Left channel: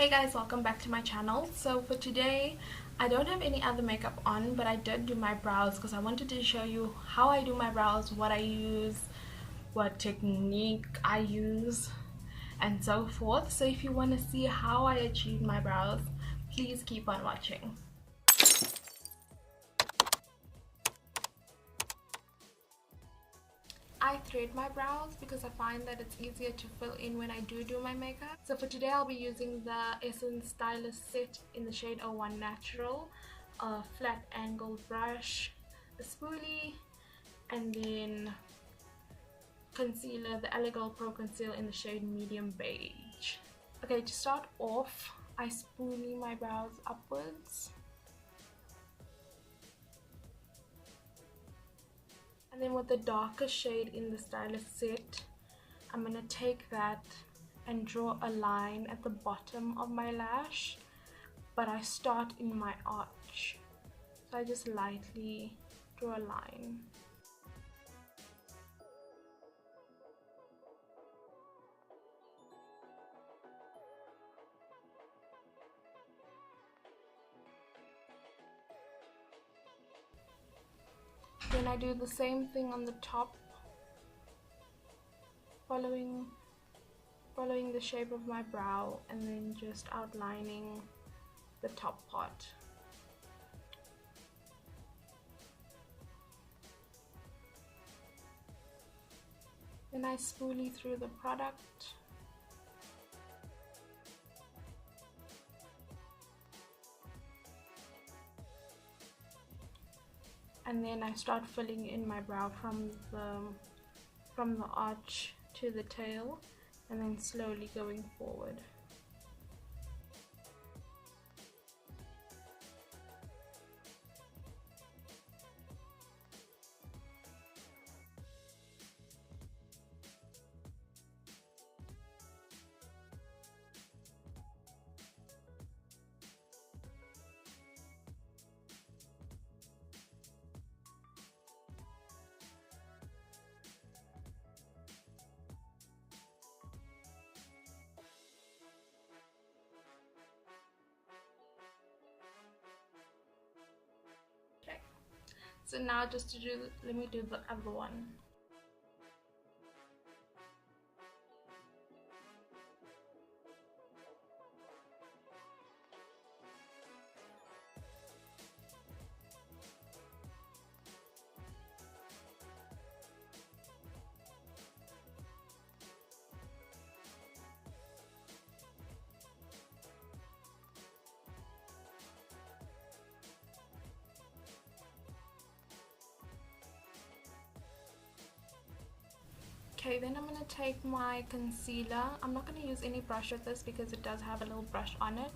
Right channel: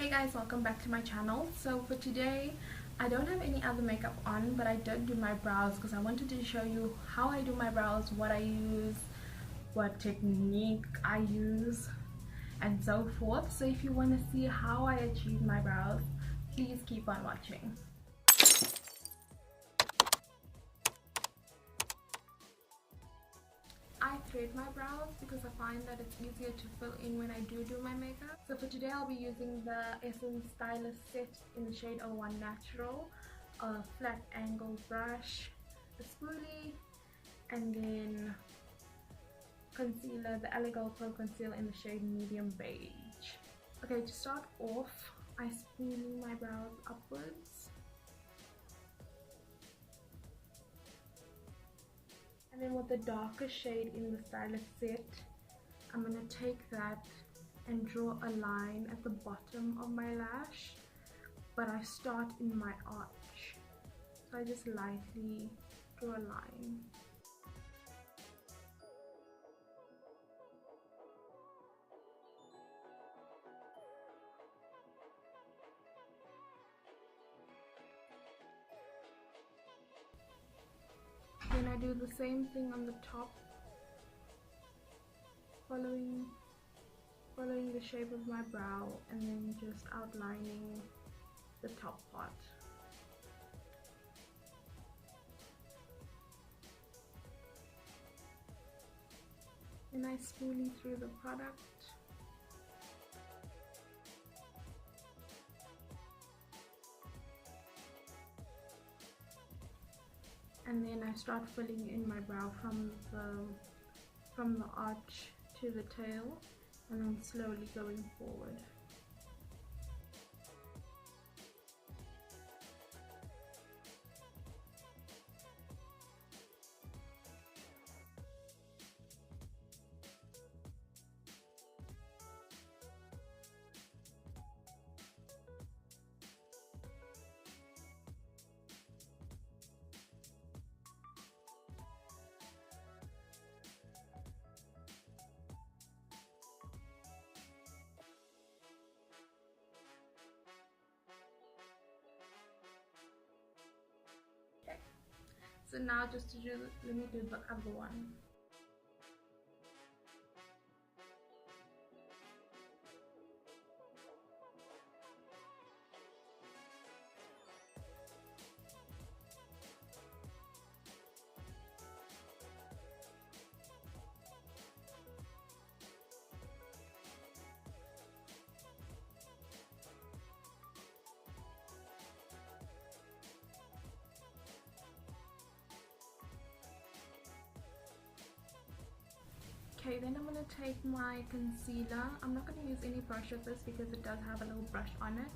Hey guys, welcome back to my channel. So for today I don't have any other makeup on, but I did do my brows because I wanted to show you how I do my brows, what I use, what technique I use, and so forth. So if you want to see how I achieve my brows, please keep on watching. I thread my brows because I find that it's easier to fill in when I do my makeup. So for today I'll be using the Essence Stylist set in the shade 01 Natural, a flat angled brush, a spoolie, and then concealer, the Eyebrow Pro Conceal in the shade Medium Beige. Okay, to start off, I spoolie my brows upwards. And then with the darker shade in the Stylist set, I'm going to take that and draw a line at the bottom of my lash, but I start in my arch. So I just lightly draw a line. Then I do the same thing on the top, following the shape of my brow and then just outlining the top part. Then I spoolie through the product. And then I start filling in my brow from the arch to the tail, and then slowly going forward. So now just to do, let me do the other one. Okay, then I'm going to take my concealer. I'm not going to use any brush with this because it does have a little brush on it.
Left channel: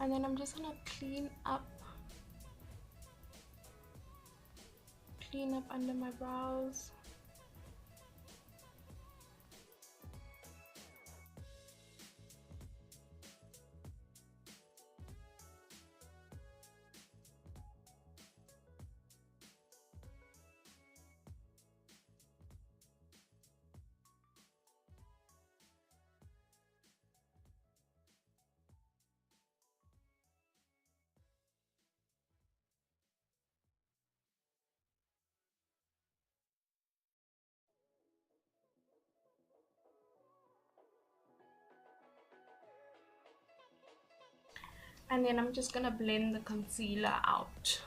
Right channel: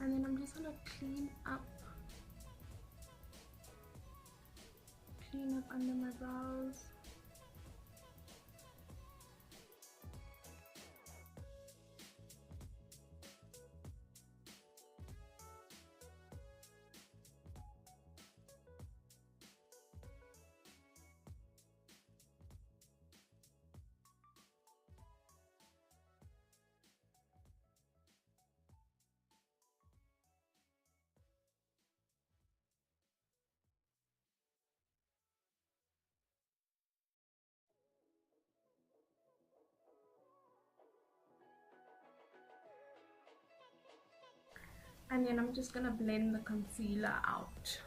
And then I'm just going to clean up under my brows. And then I'm just gonna blend the concealer out.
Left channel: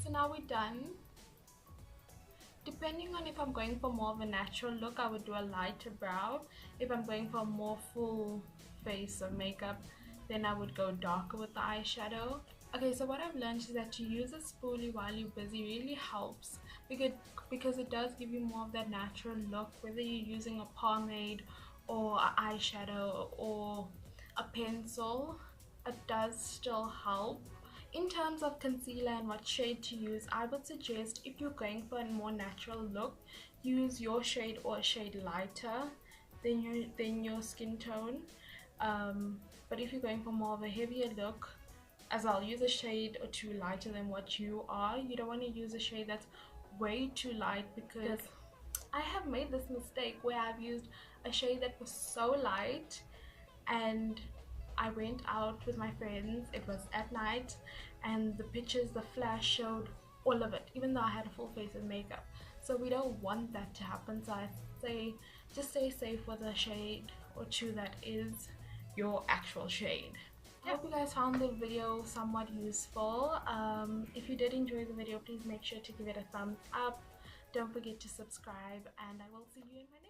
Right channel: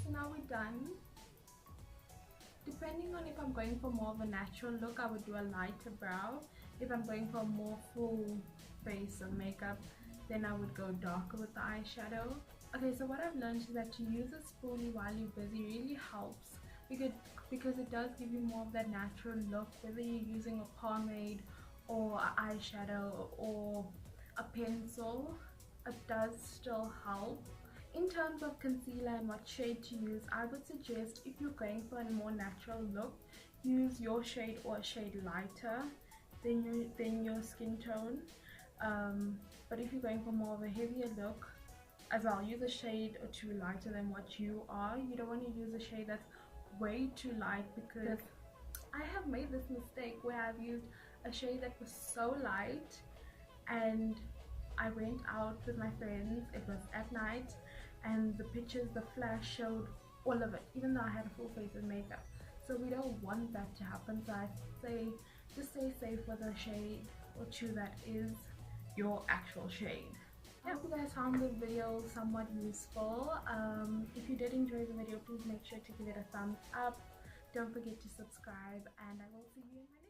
So now we're done. Depending on if I'm going for more of a natural look, I would do a lighter brow. If I'm going for a more full face of makeup, then I would go darker with the eyeshadow. Okay, so what I've learned is that to use a spoolie while you're busy really helps because it does give you more of that natural look, whether you're using a pomade or an eyeshadow or a pencil, it does still help. In terms of concealer and what shade to use, I would suggest if you're going for a more natural look, use your shade or a shade lighter than your skin tone. But if you're going for more of a heavier look, as I'll use a shade or two lighter than what you are, you don't want to use a shade that's way too light, because I have made this mistake where I've used a shade that was so light, and I went out with my friends, it was at night, and the pictures, the flash showed all of it, even though I had a full face of makeup. So we don't want that to happen. So I say just stay safe with a shade or two that is your actual shade. I hope you guys found the video somewhat useful. If you did enjoy the video, please make sure to give it a thumbs up. Don't forget to subscribe, and I will see you in my next